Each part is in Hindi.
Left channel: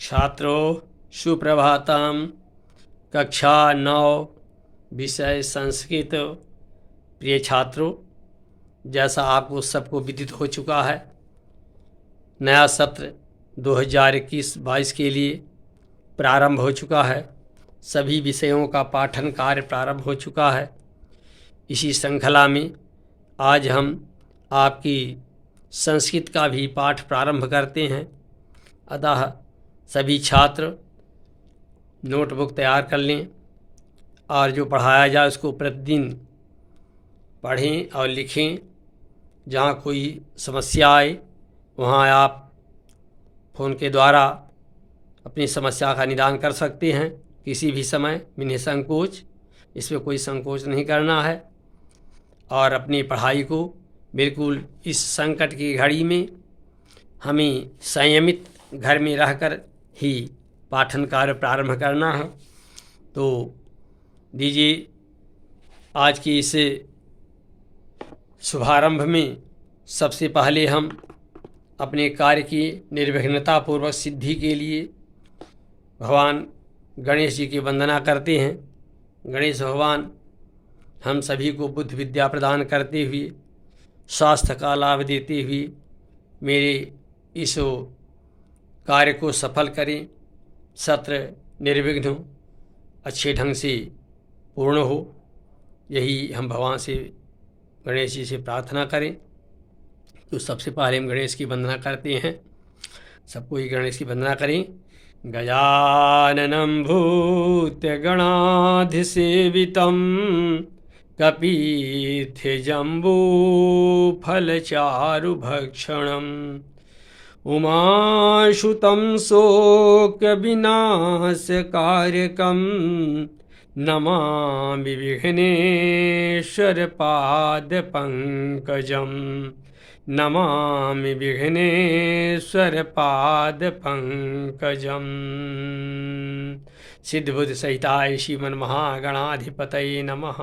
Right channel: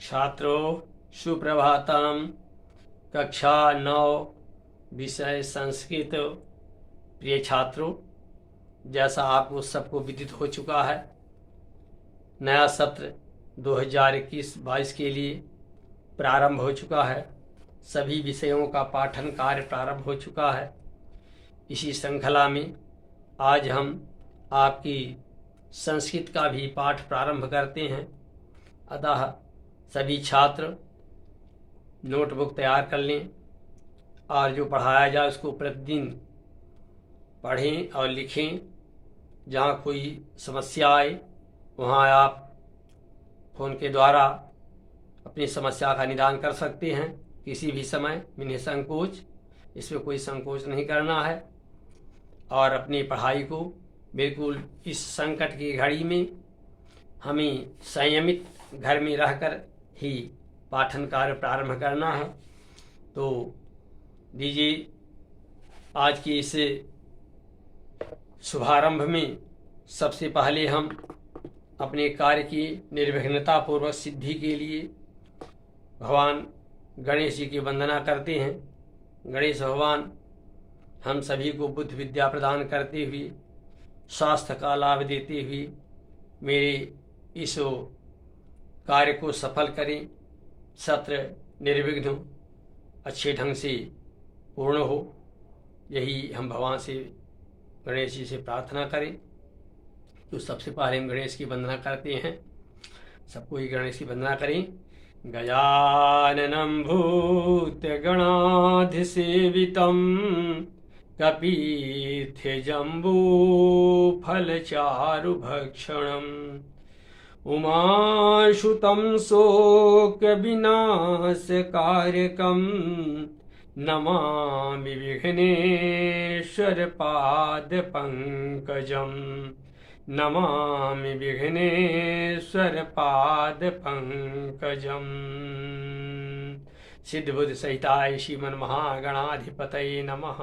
छात्रों सुप्रभातम। कक्षा 9 विषय संस्कृत। प्रिय छात्रों, जैसा आपको सबको विदित हो चुका है, नया सत्र 2021-22 के लिए प्रारंभ हो चुका है। सभी विषयों का पाठन कार्य प्रारंभ हो चुका है। इसी श्रृंखला में आज हम आपकी संस्कृत का भी पाठ प्रारंभ करते हैं। अतः सभी छात्र नोटबुक तैयार कर लें और जो पढ़ाया जाए उसको प्रतिदिन पढ़ें और लिखें। जहाँ कोई समस्या आए वहाँ आप फ़ोन के द्वारा अपनी समस्या का निदान कर सकते हैं किसी भी समय बिना संकोच। इसमें कोई संकोच नहीं करना है और अपनी पढ़ाई को बिल्कुल इस संकट की घड़ी में हमें संयमित घर में रहकर ही पाठन कार्य प्रारंभ करना है। तो दीजिए आज की इस शुभारंभ में सबसे पहले हम अपने कार्य की निर्विघ्नता पूर्वक सिद्धि के लिए भगवान गणेश जी की वंदना करते हैं। गणेश भगवान हम सभी को बुद्धि विद्या प्रदान करते हुए, स्वास्थ्य का लाभ देते हुए मेरे इस कार्य को सफल करें। सत्र निर्विघ्न अच्छे ढंग से पूर्ण हो, यही हम भगवान से गणेश जी से प्रार्थना करें। तो सबसे पहले हम गणेश की वंदना करते हैं। सबको ही गणेश की वंदना करें। गजाननं भूतगणाधिसेवितं कपित्थजम्बूफलचारुभक्षणम् उमाशुतं शोकविनाशकारकं नमामि विघ्नेश्वरपादपङ्कजं। नमामि विघ्नेश्वरपादपङ्कजं। सिद्धबुद्ध सहिताय श्रीमन महागणाधिपतये नमः।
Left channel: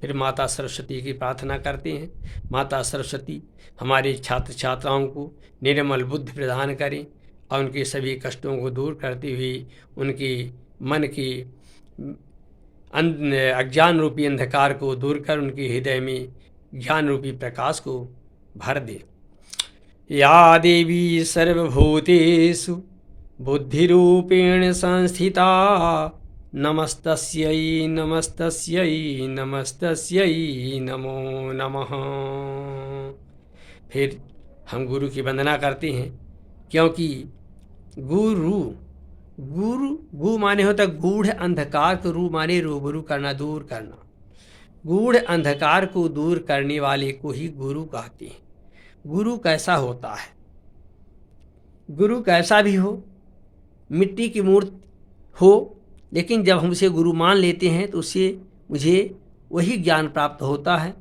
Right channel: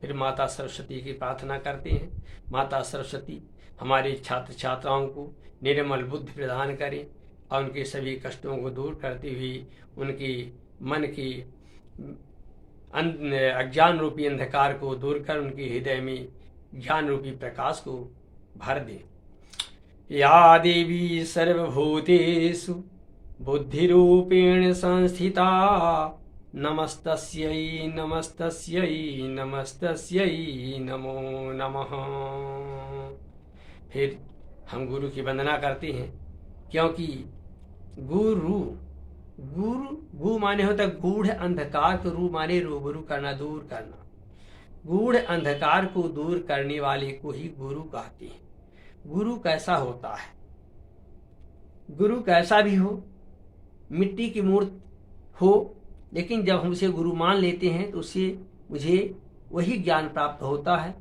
फिर माता सरस्वती की प्रार्थना करते हैं। माता सरस्वती हमारे छात्र छात्राओं को निर्मल बुद्धि प्रदान करें और उनके सभी कष्टों को दूर करते हुए उनके मन के अज्ञान रूपी अंधकार को दूर कर उनके हृदय में ज्ञान रूपी प्रकाश को भर दे। या देवी सर्वभूतेषु बुद्धिरूपेण संस्थिता नमस्तस्यै नमस्तस्यै नमस्तस्यै नमो नमः। फिर हम गुरु की वंदना करते हैं, क्योंकि गु माने होता गूढ़ अंधकार को, रू माने रूबरू करना, दूर करना। गूढ़ अंधकार को दूर करने वाले को ही गुरु कहते हैं। गुरु कैसा होता है? गुरु कैसा भी हो, मिट्टी की मूर्ति हो, लेकिन जब हम उसे गुरु मान लेते हैं तो उससे मुझे वही ज्ञान प्राप्त होता है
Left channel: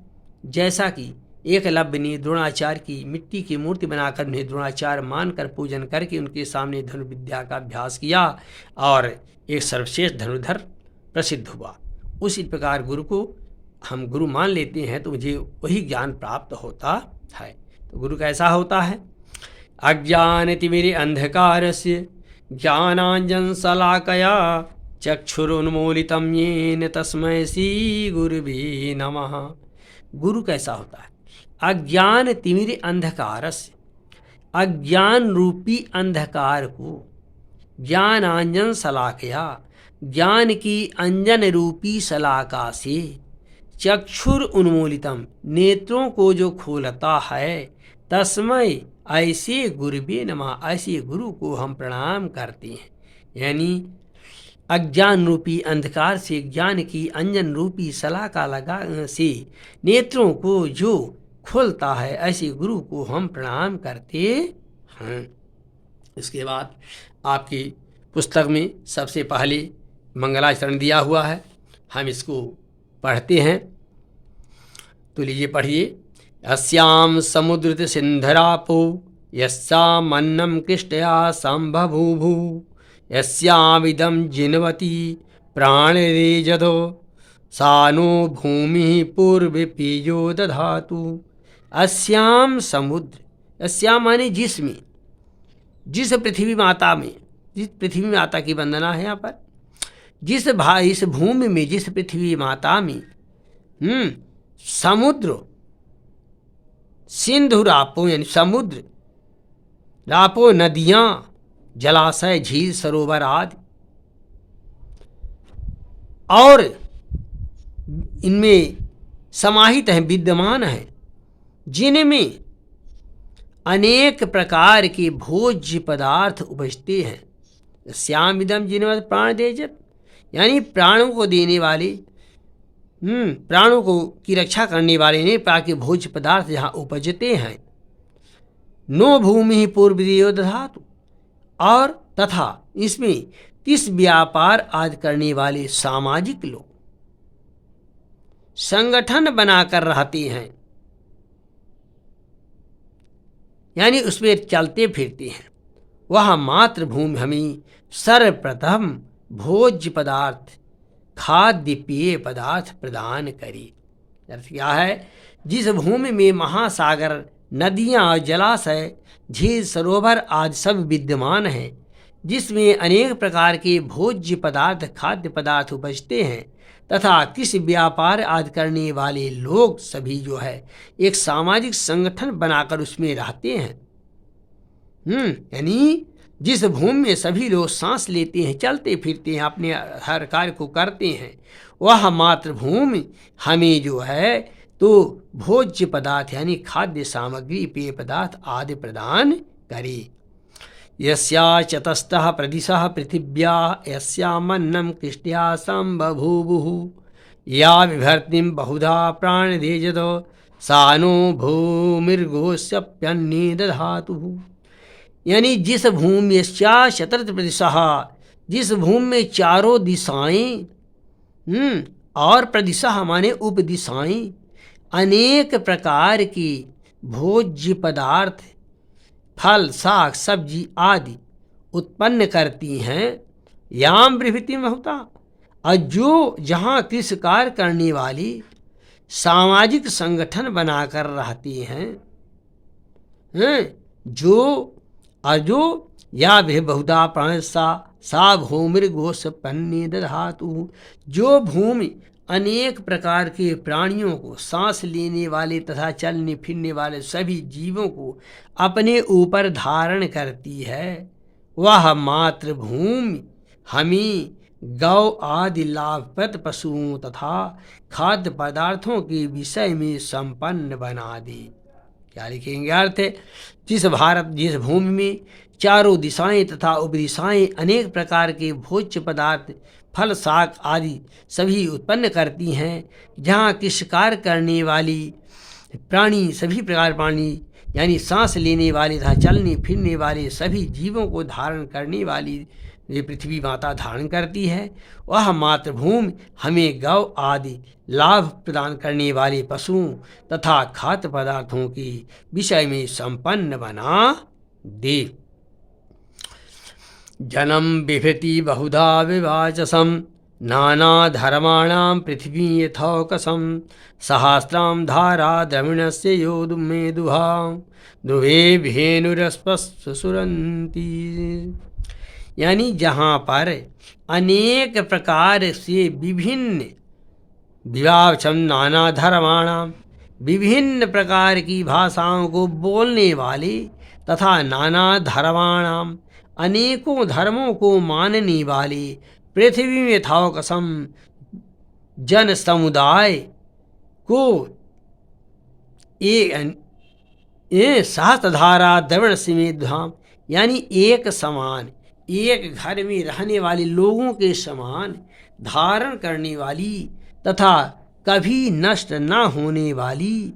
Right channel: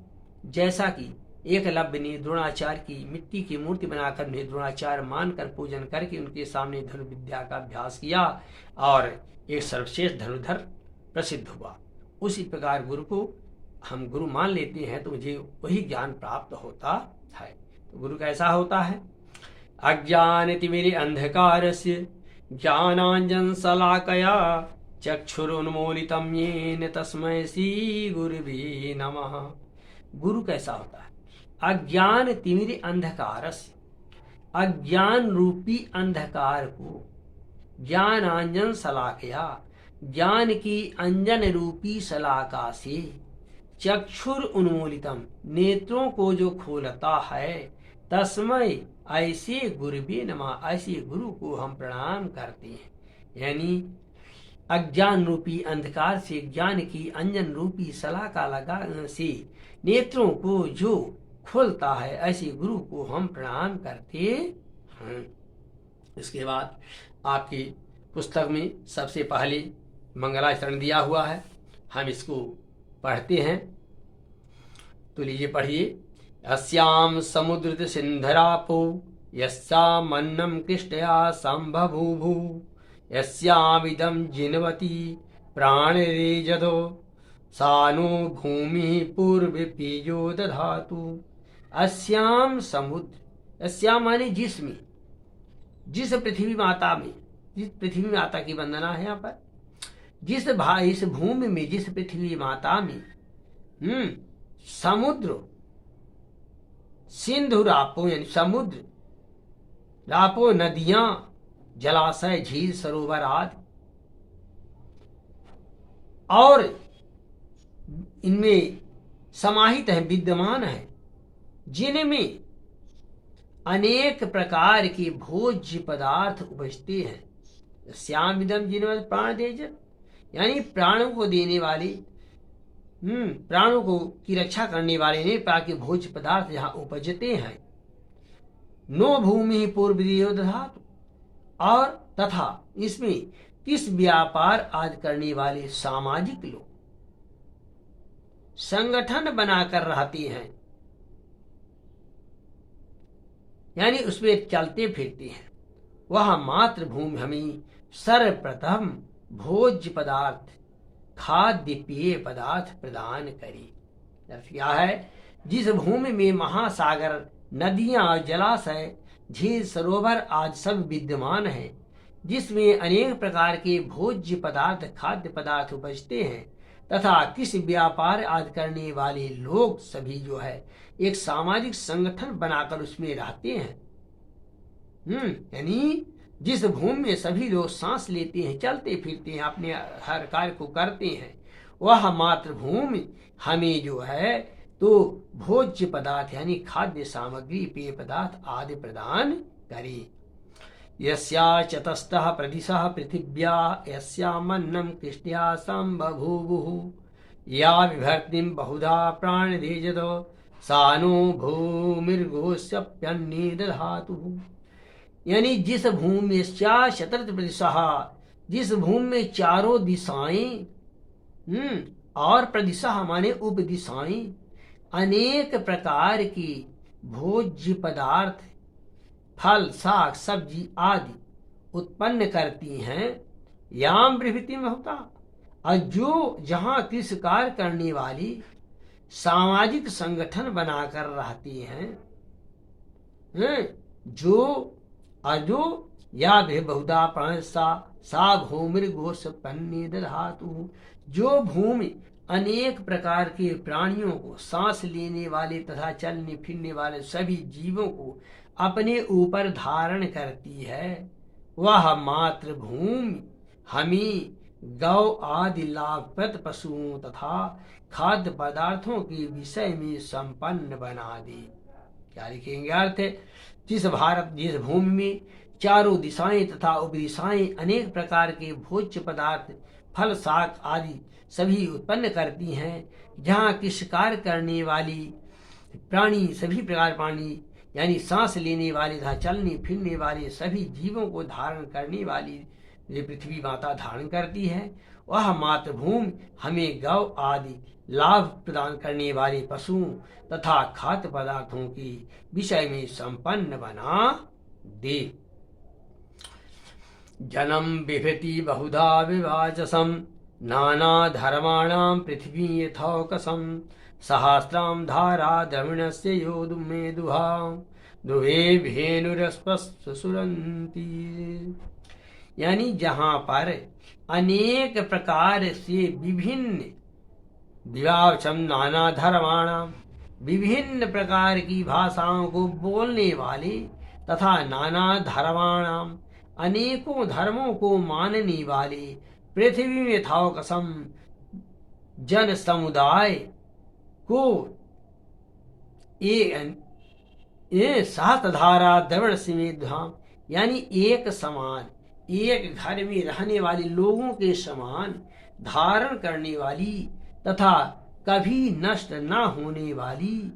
जैसा कि एकलव्य ने द्रोणाचार्य की मिट्टी की मूर्ति बनाकर उन्हें द्रोणाचार्य मानकर पूजन करके उनके सामने धनुर्विद्या का अभ्यास किया और एक सर्वश्रेष्ठ धनुर्धर प्रसिद्ध हुआ। उसी प्रकार गुरु को हम गुरु मान लेते हैं तो मुझे वही ज्ञान प्राप्त होता है। तो गुरु कैसा होता है? अज्ञानतिमिरे अंधकारस्य ज्ञानांजन शलाकया चक्षुरुन्मीलितं येन तस्मै श्री गुरुवे नमः। गुरु कैसा होता है? अज्ञान तिमिर अंधकारस्य, अज्ञान रूपी अंधकार को ज्ञानांजन शलाकया, ज्ञान की अंजन रूपी शलाका से, चक्षुर उन्मूलितम, नेत्रों को जो खोलता है, तस्मै ऐसे गुरुवे नमः, ऐसे गुरु को हम प्रणाम करते हैं। यानी अज्ञान रूपी अंधकार से ज्ञान की अंजन रूपी शलाका लगा से नेत्रों को जो खोलता है, ऐसे गुरु को हम प्रणाम करते हैं। इसके बाद आपकी पुस्तक में सबसे पहले मंगलाचरण दिया हुआ है, हम इसको पढ़ते हैं। तो लीजिए पढ़िए। अस्याम समुद्र सिंधरापो यस्यामन्नं कृष्टया संबभूभु यस्यामिदं जिन्वती प्राणरेजधो सा नो भूमि पूर्व पीजो दधातु। अस्याम समुद्र, अस्याम माने जिसमें, जिस पृथ्वी माता में जिस पृथ्वी माता की वंदना है यहाँ पर। इस भूमि में, जिस पृथ्वी माता में समुद्र सिंधु रापो यानी समुद्र, रापो नदियां, जलाशय, झील, सरोवर आदि, और इनमें समाहित है, विद्यमान है, जिनमें अनेक प्रकार के भोज्य पदार्थ उपजते हैं। श्याम इदम जिनमें प्राण देजत, यानी प्राणों को देने वाले, प्राणों को की रक्षा करने वाले ने प्राण के भोज्य पदार्थ जहाँ उपजते हैं। नो भूमि पूर्व देव दधातु, और तथा इसमें किस व्यापार आदि करने वाले सामाजिक लोग संगठन बनाकर रहते हैं, यानी उसमें चलते फिरते हैं, वह मातृभूमि हमें सर्वप्रथम भोज्य पदार्थ, खाद्य पेय पदार्थ प्रदान करी। अर्थ क्या है? जिस भूमि में महासागर, नदियाँ, जलाशय, झील, सरोवर आदि सब विद्यमान हैं, जिसमें अनेक प्रकार के भोज्य पदार्थ, खाद्य पदार्थ उपजते हैं, तथा किसी व्यापार आदि करने वाले लोग सभी जो है एक सामाजिक संगठन बनाकर उसमें रहते हैं। यानी जिस भूमि में सभी लोग सांस लेते हैं, चलते फिरते हैं, अपने हर कार्य को करते हैं, वह मातृभूमि हमें जो है तो भोज्य पदार्थ यानी खाद्य सामग्री, पेय पदार्थ आदि प्रदान करे। यस्या चतस्तः प्रदिशः पृथिव्या यस्यामन्नं कृष्ट्या संबभूवुः या विभर्तिं बहुधा प्राणदेजतो सा नो भूमिर्गोस्यप्यन्ने दधातुः। यानी जिस भूमि यस्या चतुर्थ प्रदिशः, जिस भूमि में चारों दिशाएं, और प्रदिशः माने उपदिशाएं, अनेक प्रकार की भोज्य पदार्थ, फल, साग, सब्जी आदि उत्पन्न करती हैं। याम प्रभृति में होता, और जो जहाँ कृषि कार्य करने वाली सामाजिक संगठन बनाकर रहती हैं, जो या भी बहुधा प्राण सा भूमिर्गोस्पन्ने दधातु, जो भूमि अनेक प्रकार के प्राणियों को, सांस लेने वाले तथा चलने फिरने वाले सभी जीवों को अपने ऊपर धारण करती है, वह मातृभूमि हमें गौ आदि लाभप्रद पशुओं तथा खाद्य पदार्थों के विषय में संपन्न बना दे। क्या लिखेंगे अर्थ? जिस भूमि में चारों दिशाएं तथा उपदिशाएं अनेक प्रकार के भोज्य पदार्थ, फल, साग आदि सभी उत्पन्न करती हैं, जहाँ कि शिकार करने वाली प्राणी, सभी प्रकार प्राणी यानी सांस लेने वाले तथा चलने फिरने वाले सभी जीवों को धारण करने वाली ये पृथ्वी माता धारण करती है, वह मातृभूमि हमें गौ आदि लाभ प्रदान करने वाले पशुओं तथा खाद्य पदार्थों के विषय में संपन्न बना दे। जनम बिभृति बहुधा विभाजसम नाना धर्माणां पृथ्वी यथौकसम सहस्रां धारा द्रविणस्य योधुमेदुहा ध्रुवे भेनुरस्पस्सुरन्ति। यानी जहाँ पर अनेक प्रकार से विभिन्न विभाजन, नाना धर्माणां, विभिन्न प्रकार की भाषाओं को बोलने वाले तथा नाना धर्माणां, अनेकों धर्मों को मानने वाले पृथ्वी में यथौकसम जन समुदाय को सहस्रधारा द्रविण समेत धाम, यानी एक समान, एक घर में रहने वाले लोगों के समान धारण करने वाली तथा कभी नष्ट न होने वाली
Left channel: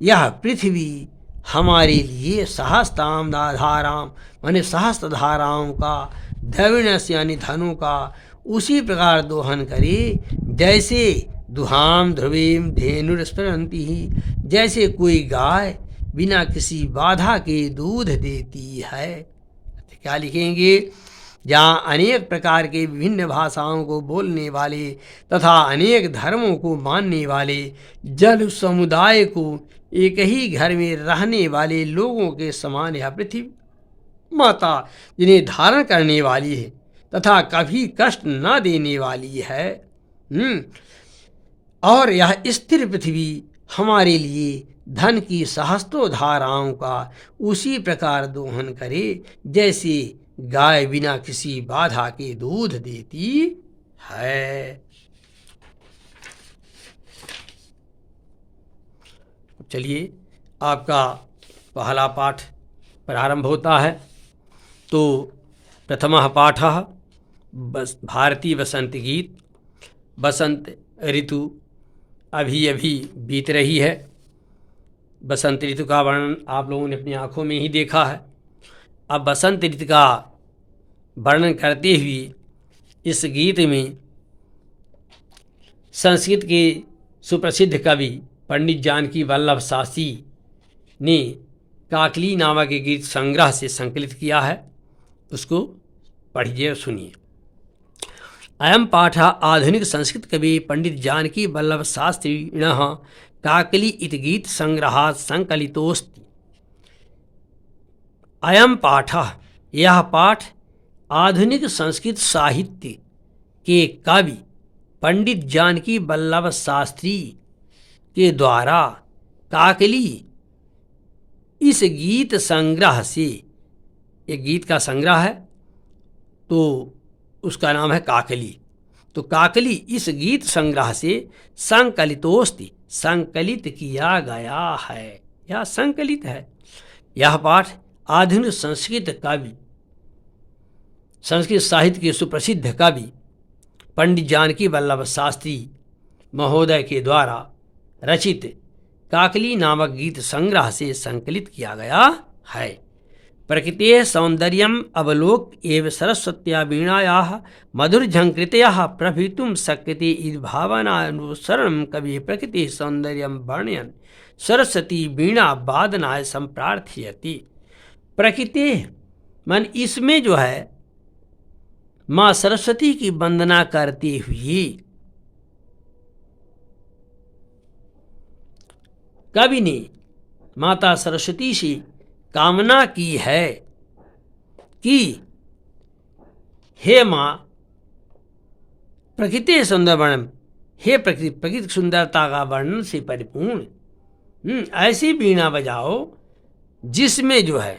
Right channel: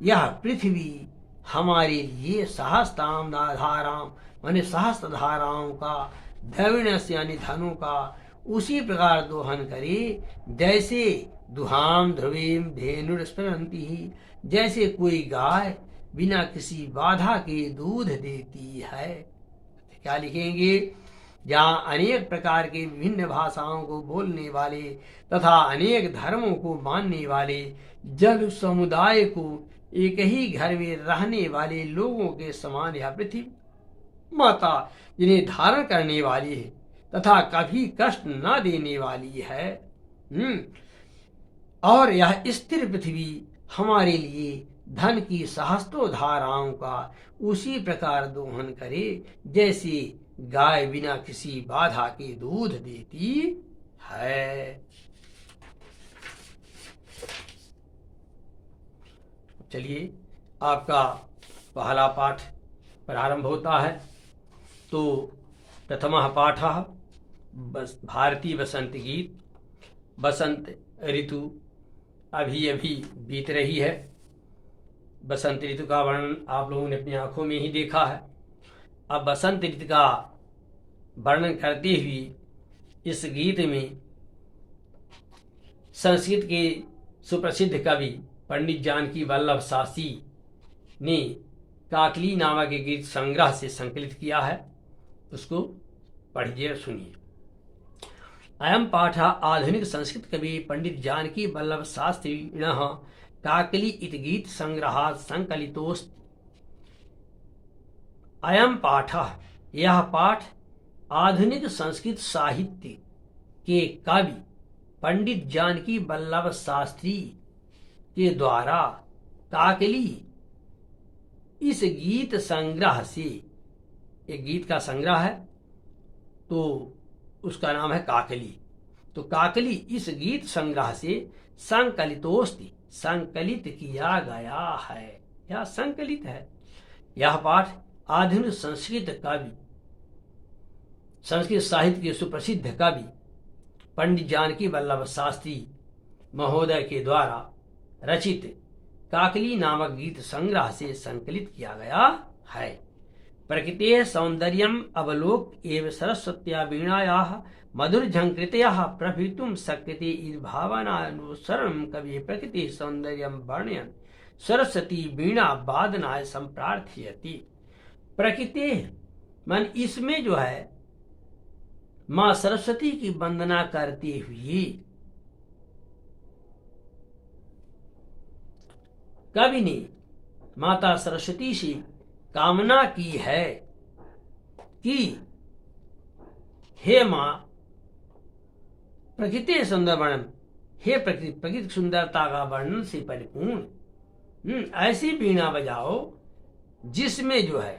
यह पृथ्वी हमारे लिए सहस्त्राम धाराम माने सहस्त्र धाराओं का, द्रविणस यानी धनों का उसी प्रकार दोहन करे जैसे दुहाम ध्रुवीम धेनुरस्परंती ही, जैसे कोई गाय बिना किसी बाधा के दूध देती है। क्या लिखेंगे? जहाँ अनेक प्रकार के विभिन्न भाषाओं को बोलने वाले तथा अनेक धर्मों को मानने वाले जल समुदाय को एक ही घर में रहने वाले लोगों के समान यह पृथ्वी माता जिन्हें धारण करने वाली है तथा कभी कष्ट न देने वाली है। और यह स्थिर पृथ्वी हमारे लिए धन की सहस्त्रों धाराओं का उसी प्रकार दोहन करे जैसे गाय बिना किसी बाधा के दूध देती है। चलिए आपका पहला पाठ प्रारंभ होता है। तो प्रथमः पाठः भारतीय वसंत गीत। बसंत ऋतु अभी अभी बीत रही है। बसंत ऋतु का वर्णन आप लोगों ने अपनी आंखों में ही देखा है। अब बसंत ऋतु का वर्णन करते हुए इस गीत में संस्कृत के सुप्रसिद्ध कवि पंडित जानकी वल्लभ शास्त्री ने काकली नामक के गीत संग्रह से संकलित किया है। उसको पढ़िए और सुनिए। अयम पाठ आधुनिक संस्कृत कवि पंडित जानकी वल्लभ शास्त्रिणः काकली इति गीत संग्रहात् संकलितोऽस्ति। अयम पाठ, यह पाठ आधुनिक संस्कृत साहित्य के कवि पंडित जानकी वल्लभ शास्त्री के द्वारा काकली इस गीत संग्रह से, एक गीत का संग्रह है तो उसका नाम है काकली। तो काकली इस गीत संग्रह से संकलितोस्ति, संकलित किया गया है या संकलित है। यह पाठ आधुनिक संस्कृत कवि, संस्कृत साहित्य के सुप्रसिद्ध कवि पंडित जानकी वल्लभ शास्त्री महोदय के द्वारा रचित काकली नामक गीत संग्रह से संकलित किया गया है। प्रकृतेः सौंदर्यम् अवलोक्य एव सरस्वत्या वीणायाः मधुरझङ्कृतयः प्रभवितुं शक्यते इति भावनानुसरणं कविः प्रकृतेः सौंदर्यं वर्णयन् सरस्वती वीणा वादनाय संप्रार्थयति। प्रकृतेः मन इसमें जो है माँ सरस्वती की वंदना करते हुए कवि ने माता सरस्वती से कामना की है कि हे माँ प्रकृति सुंदर वर्णन, हे प्रकृति सुंदरता का वर्णन से परिपूर्ण ऐसी वीणा बजाओ जिसमें जो है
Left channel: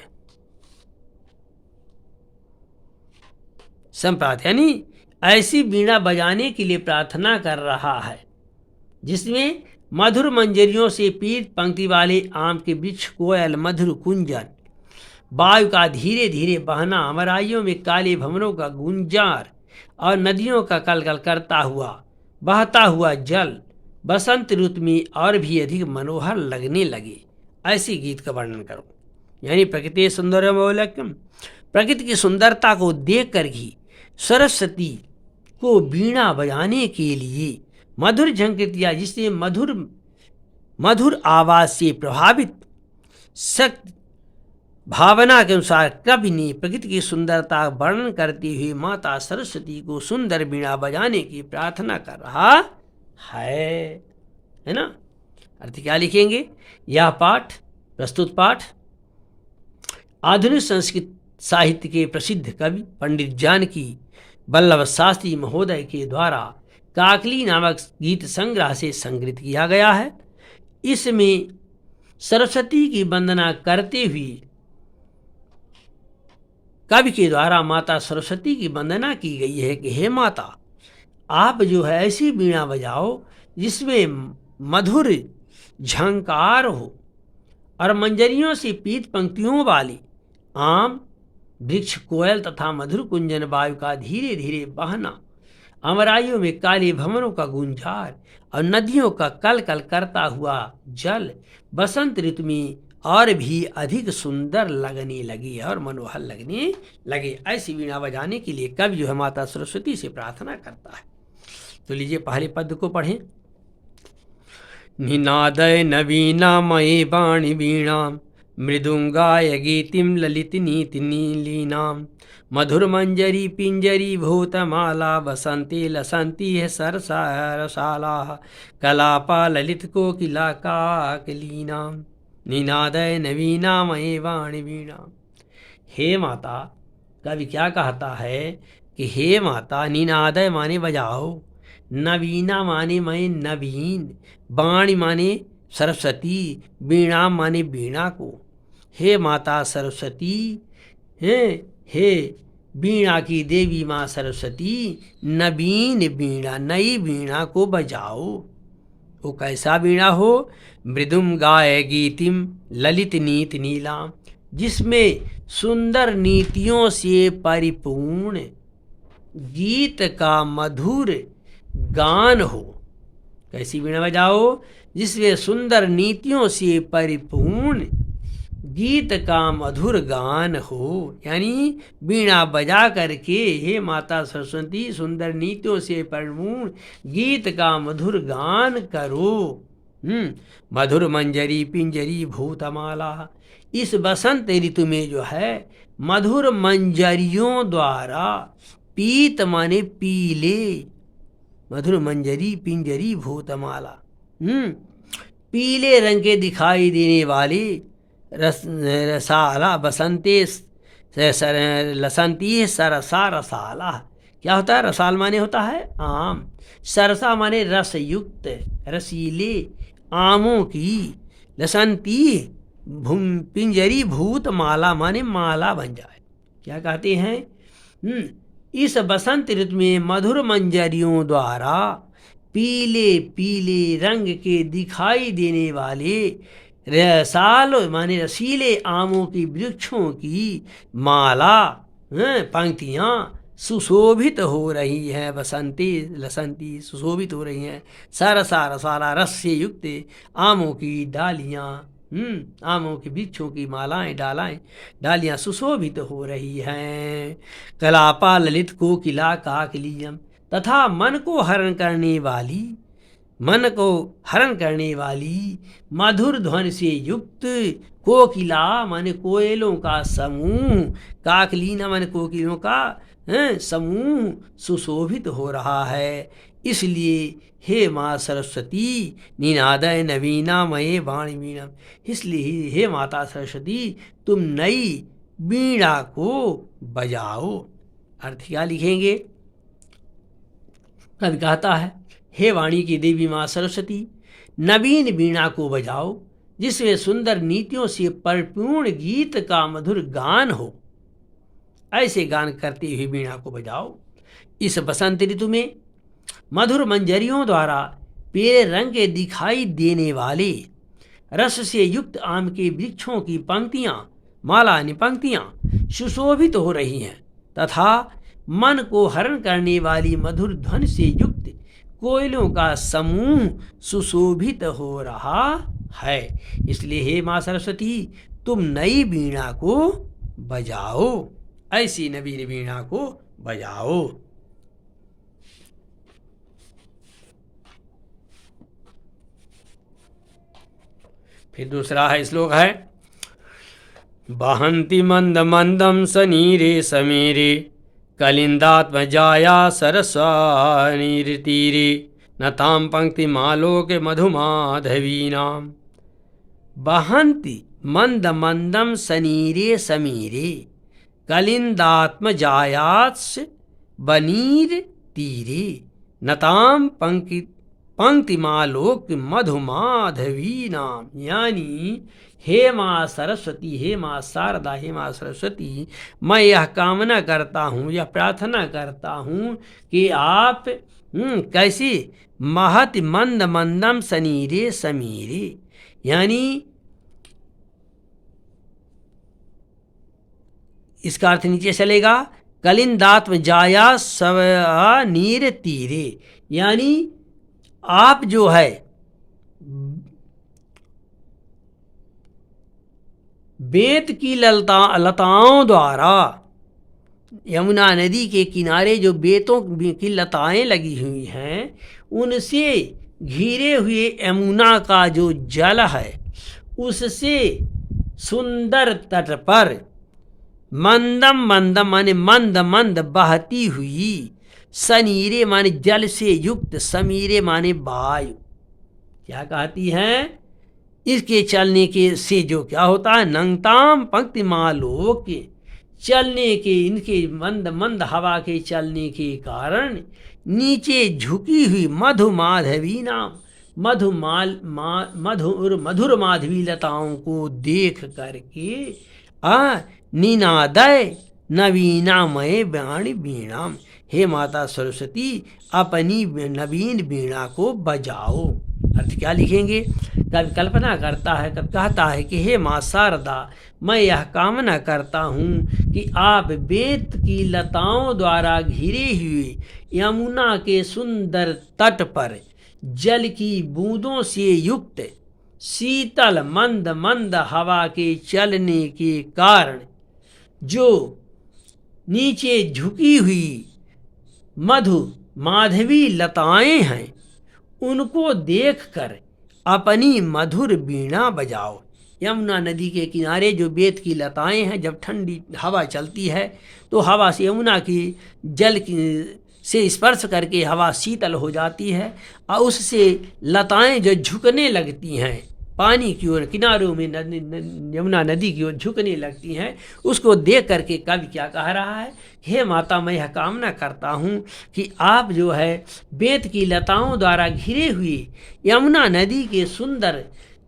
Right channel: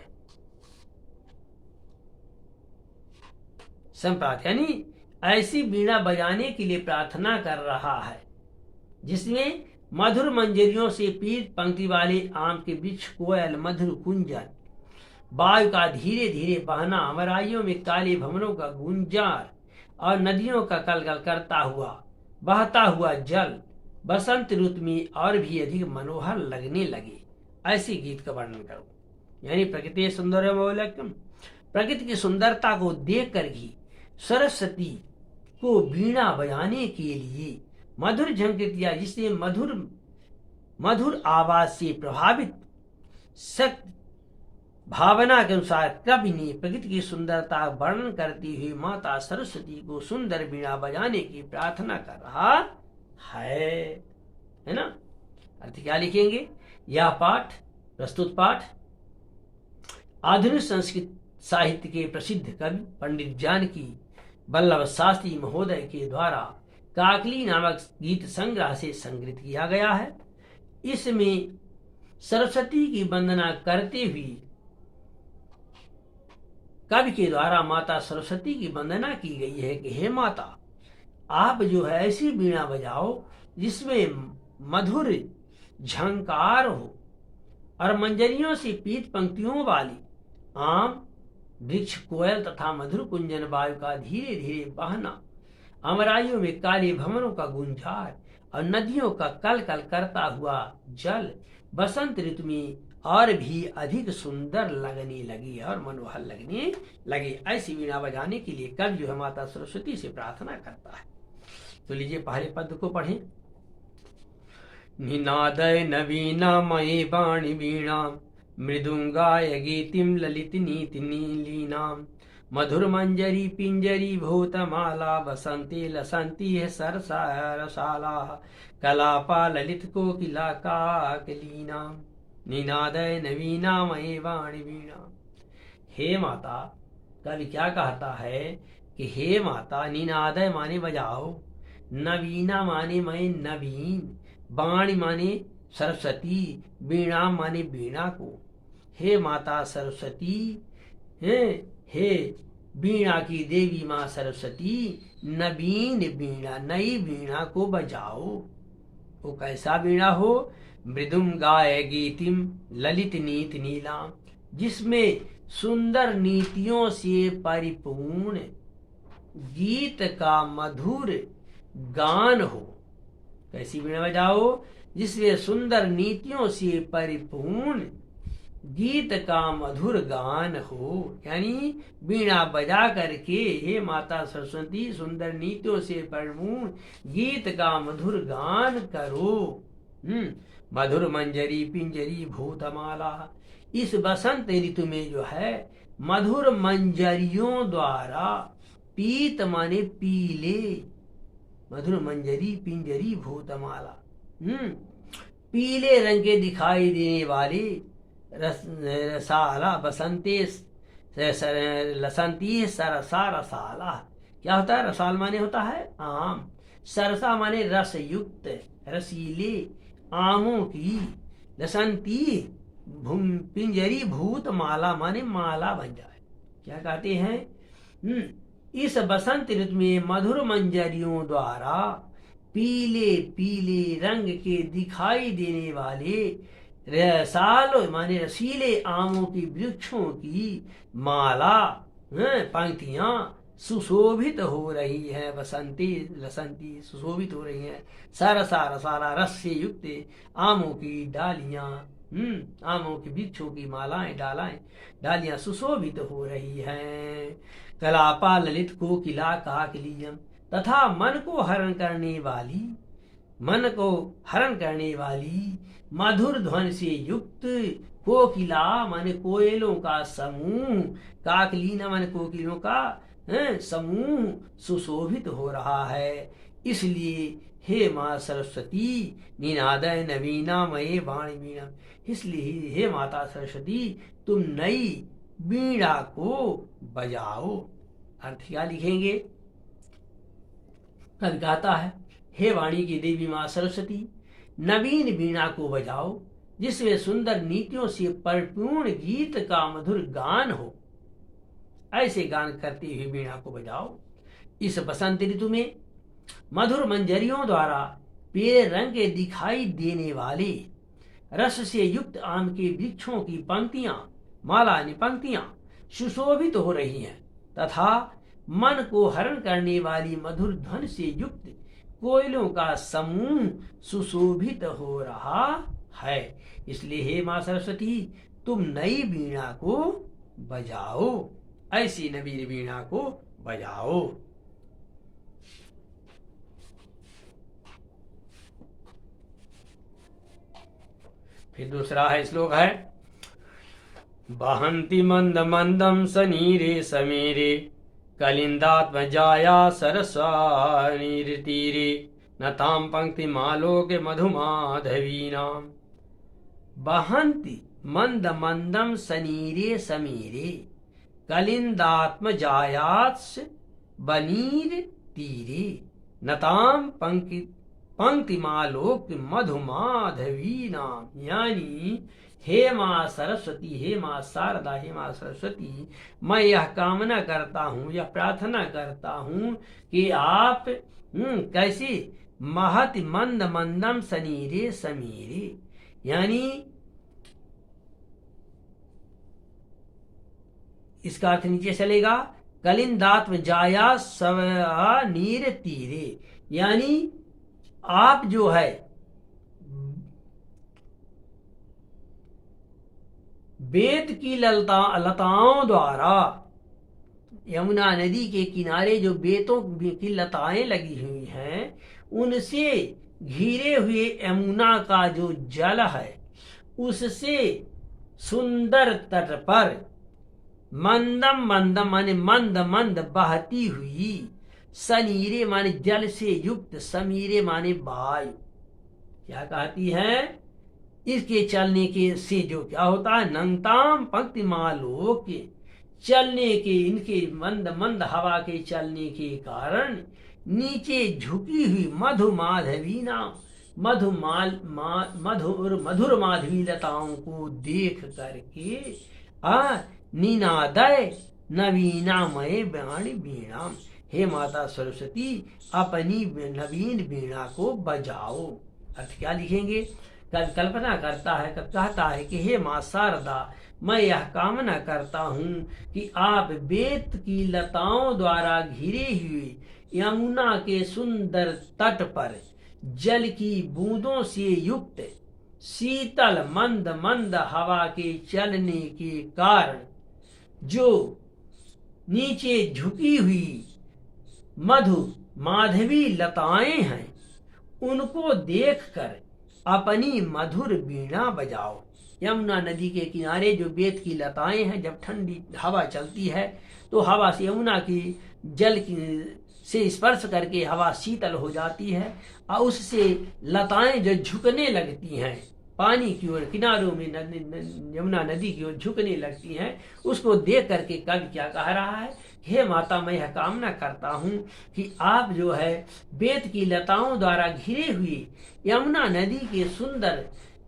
संप्रार्थ, यानी ऐसी वीणा बजाने के लिए प्रार्थना कर रहा है जिसमें मधुर मंजरियों से पीत पंक्ति वाले आम के वृक्ष, कोयल, मधुर कुंजन, वायु का धीरे धीरे बहना, अमराइयों में काले भंवरों का गुंजार और नदियों का कलकल करता हुआ बहता हुआ जल बसंत ऋतु में और भी अधिक मनोहर लगने लगे। ऐसी गीत का वर्णन करो। यानी प्रकृति सौंदर्यम, प्रकृति की सुंदरता को देख कर ही सरस्वती को वीणा बजाने के लिए मधुर झंकृतिया, जिससे मधुर आवाज से प्रभावित सख्त भावना के अनुसार कवि ने प्रकृति की सुंदरता वर्णन करते हुए माता सरस्वती को सुंदर वीणा बजाने की प्रार्थना कर रहा है ना। अर्थ क्या लिखेंगे? यह पाठ, प्रस्तुत पाठ आधुनिक संस्कृत साहित्य के प्रसिद्ध कवि पंडित जानकी वल्लभ शास्त्री महोदय के द्वारा काकली नामक गीत संग्रह से संग्रहित किया गया है। इसमें सरस्वती की वंदना करते हुए कवि के द्वारा माता सरस्वती की वंदना की गई है कि हे माता, आप जो है ऐसी वीणा बजाओ जिसमें मधुर झंकार हो और मंजरियों से पीत पंक्तियों वाली आम, वृक्ष, कोयल तथा मधुर कुंजन, वायु का धीरे धीरे बहना, अमराइयों में काले भंवरों का गुंजार और नदियों का कल कल करता हुआ जल बसंत ऋतु में और भी अधिक सुंदर लगने लगी और मनोहर लगने लगे। ऐसी वीणा बजाने के लिए कवि जो है माता सरस्वती से प्रार्थना करता है। तो लीजिए पहले पद को पढ़ें। निनादय नवीना मये वाणी वीणा मृदुंगाय गीतिम ललित नीति नीलीनाम मधुर मंजरी पिंजरी भूतमाला बसंती लसंती है सरसारसाला कलापा ललित कोकिला काकलीना निनादय नवीना मये वाणी वीणा। हे माता, कवि क्या कहता है कि हे माता, निनादय माने बजाओ, नवीना माने मैं नवीन, वाणी माने सरस्वती, वीणा माने वीणा को। हे माता सरस्वती, हे वीणा की देवी माँ सरस्वती, नवीन वीणा, नई वीणा को बजाओ। वो कैसा वीणा हो? मृदुम गाय गीतिम ललित नीत नीलाम, जिसमें सुंदर नीतियों से परिपूर्ण गीत का मधुर गान हो। कैसी वीणा बजाओ? जिसमें सुंदर नीतियों से परिपूर्ण गीत का मधुर गान हो। यानी वीणा बजा करके हे माता सरस्वती सुंदर नीतियों से परिपूर्ण गीत का मधुर गान करो। मधुर मंजरी पिंजरी भूतमाला, इस बसंत ऋतु में जो है मधुर मंजरियों द्वारा, पीत माने पीले, मधुर मंजरी पिंजरी भूतमाला, पीले रंग के दिखाई देने वाले रसाला बसंते लसंती सरसा रसाला। क्या होता है? रसाल माने होता है आम, सरसा माने रस युक्त रसीले आमों की, लसंती पिंजरी भूत माला माने माला बन जाए। क्या कहते हैं? इस बसंत ऋतु में मधुर मंजरियों द्वारा पीले पीले रंग के दिखाई देने वाले रसाल माने रसीले आमों की वृक्षों की माला, पंक्तियां सुशोभित हो रही है। बसंती लसंती सुशोभित हो रही हैं। सरसा रसाला रस से युक्त आमों की डालियां, आमों के वृक्षों की मालाएं डालियां सुशोभित हो रही हैं। कलापा ललित कोकिला काकलियम, तथा मन को हरण करने वाली मधुर ध्वनि से युक्त कोकिला माने कोयलों का समूह, काकलीना माने कोकिलों का समूह सुशोभित हो रहा है। इसलिए हे माँ सरस्वती निनादय नवीना मये वाणी वीणा, इसलिए हे माता सरस्वती तुम नई वीणा को बजाओ। अर्थ क्या लिखेंगे? कवि कहता है हे वाणी की देवी माँ सरस्वती, नवीन वीणा को बजाओ, जिसमें सुंदर नीतियों से परिपूर्ण गीत का मधुर गान हो। ऐसे गान करते हुए वीणा को बजाओ। इस बसंत ऋतु में मधुर मंजरियों द्वारा पीले रंग के दिखाई देने वाले रस से युक्त आम के वृक्षों की पंक्तियां, माला पंक्तियां सुशोभित हो रही हैं, तथा मन को हरण करने वाली मधुर ध्वनि से युक्त कोयलों का समूह सुशोभित हो रहा है। इसलिए हे माँ सरस्वती तुम नई वीणा को बजाओ, ऐसी नवीन वीणा को बजाओ। फिर दूसरा है श्लोक है बहंती मंद मंदम सनीरे समीरे कलिंदात्मजाया सरस्वतीरे नताम पंक्ति मालोक मधुमाधवीनाम। बहंती मंद मंदम सनीरे समीरे कलिंदात्मजायास बनीर तीरे नताम पंक्ति मालोक मधुमाधवी नाम। यानी हे माँ सरस्वती, हे माँ शारदा, हे माँ सरस्वती, मैं यह कामना करता हूँ, यह प्रार्थना करता हूँ कि आप कैसे महत मंद मंदम सनीरे समीरे, यानी इसका अर्थ नीचे चलेगा कलिंदात्म जाया नीर तीरे, यानी आप जो है बेत की लताओं द्वारा, यमुना नदी के किनारे जो बेतों की लताएं लगी हुई हैं उनसे घिरे हुए यमुना का जो जल है उससे सुंदर तट पर मंदम मंदम माने मंद मंद बहती हुई, सनीरे माने जल से युक्त, समीरे माने वायु। क्या कहती हैं? इसके चलने के से जो क्या होता है, नंगताम पंक्ति मालोक, चलने के, इनके मंद मंद हवा के चलने के कारण नीचे झुकी हुई मधु माधवी नाम मधुर माधवी लताओं को देख करके निनादय नवीनामय वाणी वीणा, हे माता सरस्वती अपनी नवीन वीणा को बजाओ। अर्थ क्या लिखेंगे? कब कल्पना करता है, कब कहता है कि हे माँ शारदा, मैं यह कामना करता हूँ कि आप बेत की लताओं द्वारा घिरे हुए यमुना के सुंदर तट पर जल की बूंदों से युक्त शीतल मंद मंद हवा के चलने के कारण जो नीचे झुकी हुई मधु माधवी लताएं हैं, उनको देखकर अपनी मधुर वीणा बजाओ। यमुना नदी के किनारे जो बेत की लताएं हैं, जब ठंडी हवा चलती है तो हवा से यमुना की जल की से स्पर्श करके हवा शीतल हो जाती है और उससे लताएं जो झुकने लगती हैं पानी की ओर, किनारों में यमुना नदी की ओर झुकने लगती हैं, उसको देख करके कवि क्या कह रहा है? हे माता, मैं यह कामना करता हूँ कि आप जो है बेत की लताओं द्वारा घिरे हुए यमुना नदी के सुंदर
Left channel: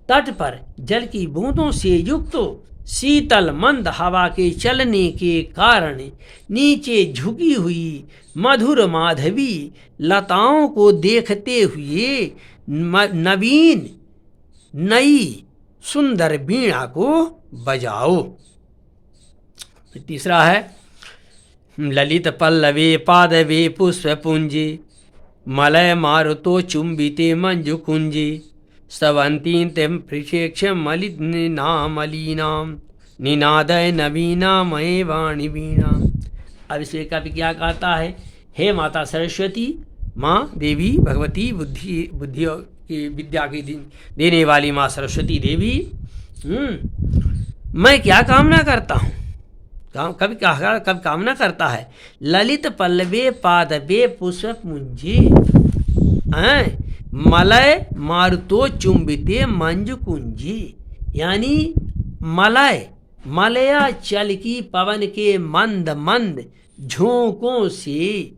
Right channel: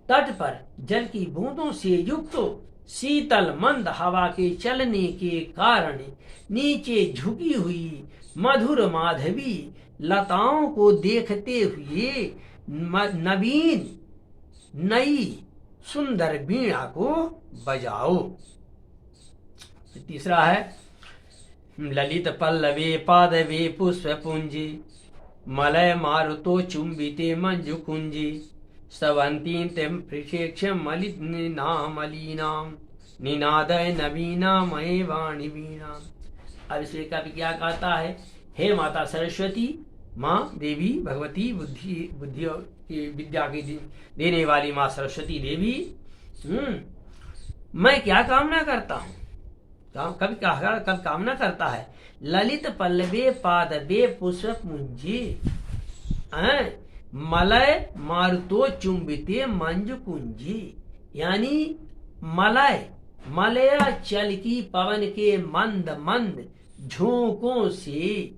तट पर जल की बूंदों से युक्त शीतल मंद हवा के चलने के कारण नीचे झुकी हुई मधुर माधवी लताओं को देखते हुए नवीन नई सुंदर वीणा को बजाओ। तीसरा है ललित पल्लवे पादवे पुष्प पुंजी मलय मारुतो चुंबिते मंजु कुंजी स्तवंती तेम पृषेक्ष मलिनाम निनादय नवीना मय वाणी वीणा। अब इसे कवि क्या कहता है? हे माता सरस्वती, माँ देवी भगवती बुद्धि की विद्या की देने वाली माँ सरस्वती देवी, मैं क्या कामना करता हूँ? कभी कामना करता है ललित पल्लवे पादवे पुष्प मुंजी मलय मारुतो चुंबिते मंजु कुंजी, यानी मलया चल की पवन के मंद मंद झोंकों से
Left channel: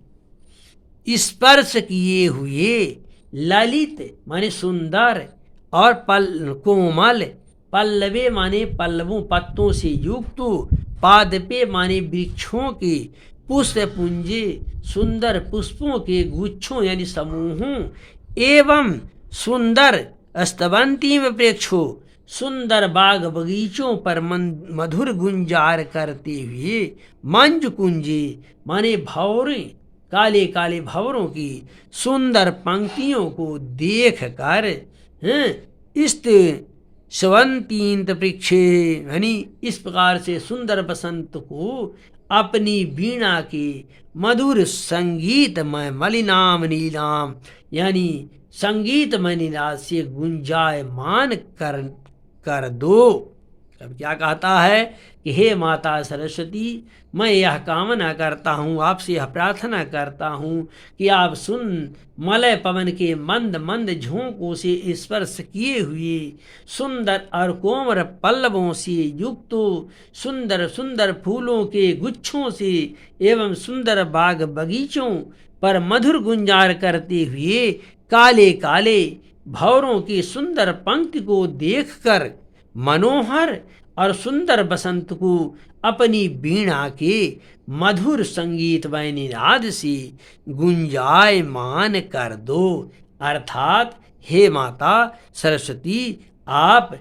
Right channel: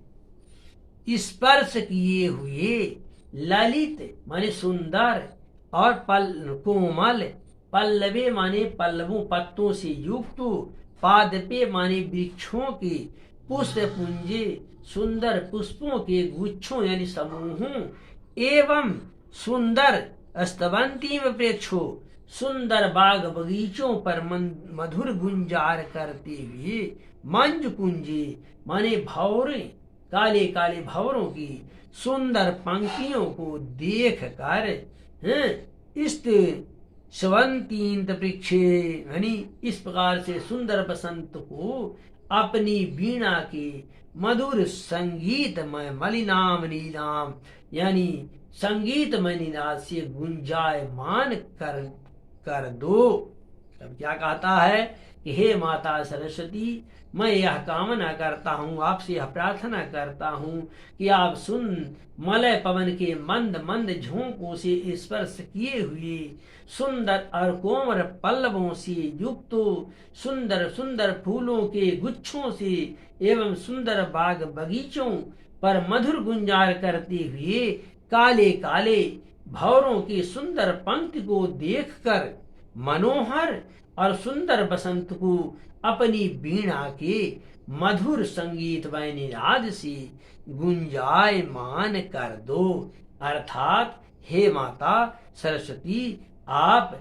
स्पर्श किए हुए ललित माने सुंदर और कोमल, पल्लवे माने पल्लवों पत्तों से युक्त, पादपे माने वृक्षों के, पुष्प पुंजे सुंदर पुष्पों के गुच्छों यानी समूहों, एवं सुंदर स्तवंतीम वृक्षों सुंदर बाग बगीचों पर मधुर गुंजार करते हुए मंज कुंजी माने भौरे काले काले भंवरों की सुंदर पंक्तियों को देख कर स्वंतींत वृक्षे यानी इस प्रकार से सुंदर बसंत को अपनी वीणा के मधुर संगीतमय मलिनाम नीलाम यानी संगीतमय निनाद से गुंजायमान कर दो। अब क्या कहता है कि हे माता सरस्वती, मैं यह कामना करता हूँ, आपसे यह प्रार्थना करता हूँ कि आप सुन मलय पवन के मंद मंद झोंकों से स्पर्श किए हुए सुंदर और कोमल पल्लवों से युक्त सुंदर सुंदर फूलों के गुच्छों से एवं सुंदर बाग बगीचों पर मधुर गुंजार करते हुए काले काले भंवरों की सुंदर पंक्ति को देखकर मनोहर और सुंदर बसंत को अपनी वीणा के मधुर संगीतमय निनाद से गुंजायमान कर दो। अर्थात हे माता सरस्वती, आप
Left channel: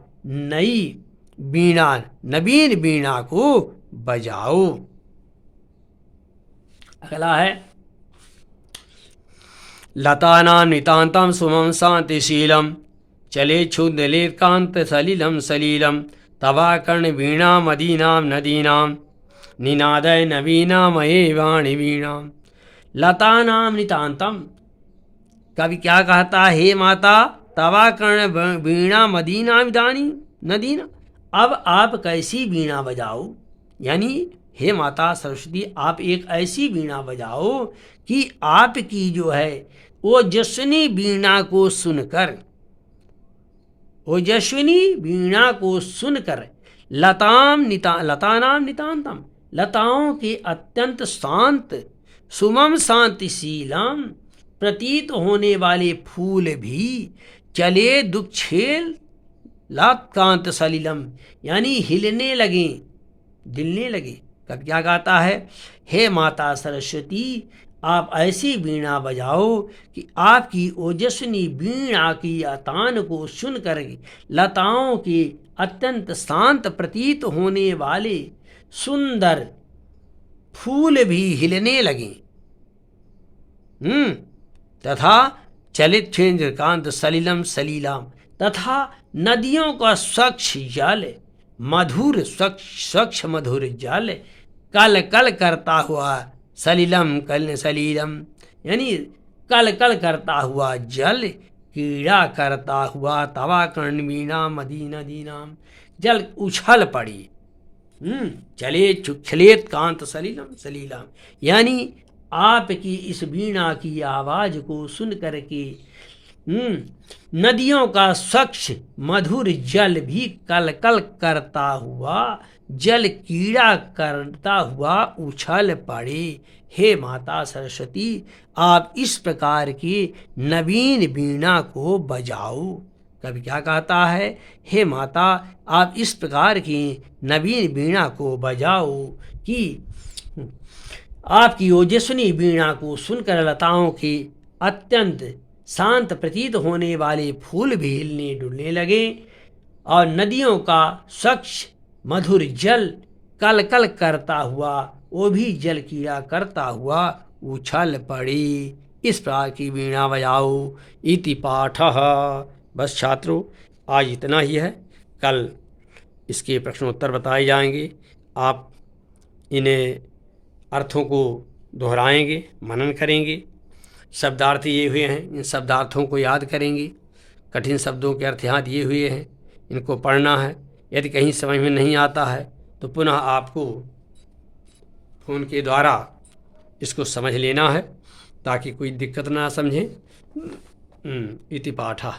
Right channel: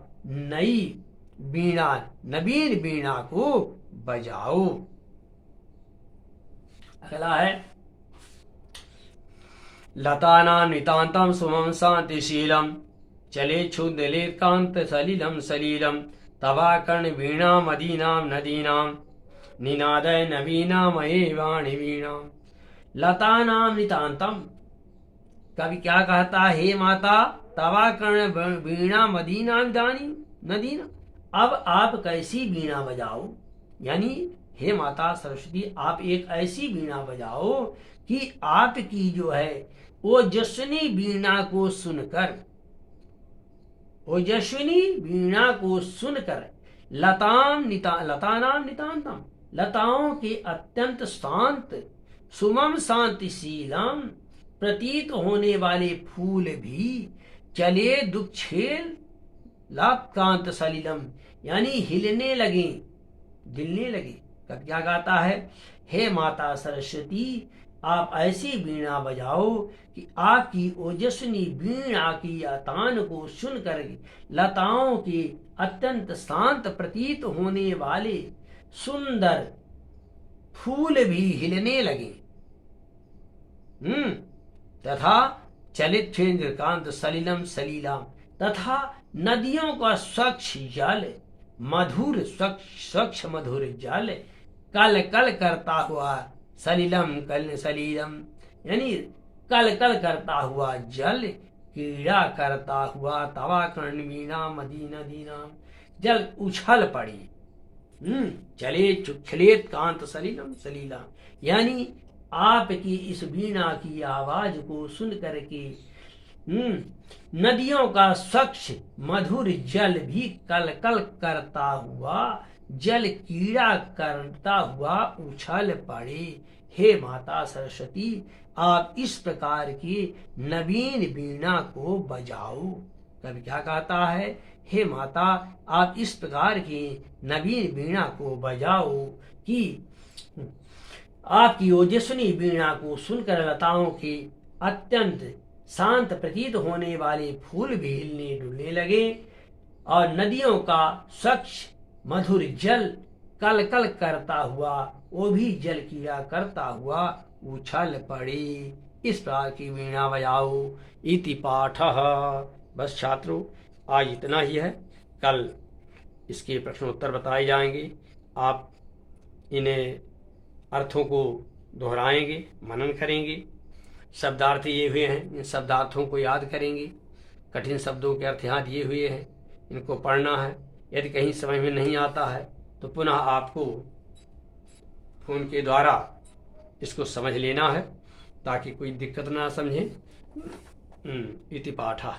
नवीन वीणा को बजाओ। अगला है लतानां नितान्तं सुमं शांतिशीलं चले क्षुद्रलेकांत सलिलं सलीलं तवाकर्ण वीणा मदीनां नदीनां निनादय नवीना मये वाणी वीणा। लतानां नितान्तं, कवि क्या कहता है? हे माता, तवाकर्ण वीणा मदीना नदीना, अब आप कैसी वीणा बजाओ, यानी हे माता सरस्वती, आप एक ऐसी वीणा बजाओ कि आपकी जो है ओजस्विनी वीणा को सुनकर लतानां नितांतम लताओं के अत्यंत शांत सुमम शांतिशीलम प्रतीत होने वाले फूल भी चले दुःखेल लाकांत सलिलम, यानी हिलने लगे, दिलने लगे। कब क्या गाता है? हे माता सरस्वती, आप ऐसी वीणा बजाओ कि आपकी ओजस्विनी वीणा की तान को सुनकर लताओं के अत्यंत शांत प्रतीत होने वाले सुंदर फूल भी हिलने लगे। तथा चलित चंद्रकांत सलिलम सलीलाम, तथा नदियों का स्वच्छ जल, मधुर स्वच्छ मधुर जल कल कल करता हुआ, सलिलम कल सलीलम यानी कल कल करता हुआ जल, क्रीड़ा करता हुआ तवा कर्णवीणा मदीना दीनाम, जल उछल पड़ी। चले चुखलेत कांत सलीलम सलीलाम, यानी आपकी इस वीणा की आवाज को सुन करके नदियों का स्वच्छ मधुर जल भी कल कल करता हुआ, जल कीड़ा करता हुआ उछल पड़े। हे माता सरस्वती, आप इस प्रकार की नवीन वीणा को बजाओ। कभी क्या कहता है? हे माता, आप इस प्रकार की नवीन वीणा को बजाओ कि आपकी ओजस्विनी वीणा को सुनकर लताओं की अत्यंत शांत प्रतीत होने वाले फूल भी हिलने डुलने लगे और नदियों का स्वच्छ मधुर जल कल कल करता हुआ, वो भी जल कीड़ा करता हुआ उछल पड़ी। इस प्रकार की वीणा बजाओ। इति पाठः। बस छात्रों, आज इतना ही है। कल इसके प्रश्नोत्तर बताए जाएंगे। आप इन्हें अर्थों को दोहराएंगे, मनन करेंगे। शब्दार्थ ये हुए हैं, इन शब्दार्थों को याद करेंगे। कठिन शब्दों के अर्थ याद ये हुए हैं, इनको पढ़ना है। यदि कहीं समझ में नहीं आता है तो पुनः आपको फ़ोन के द्वारा इसको समझ लेना है ताकि कोई दिक्कत ना समझे। इति पाठः।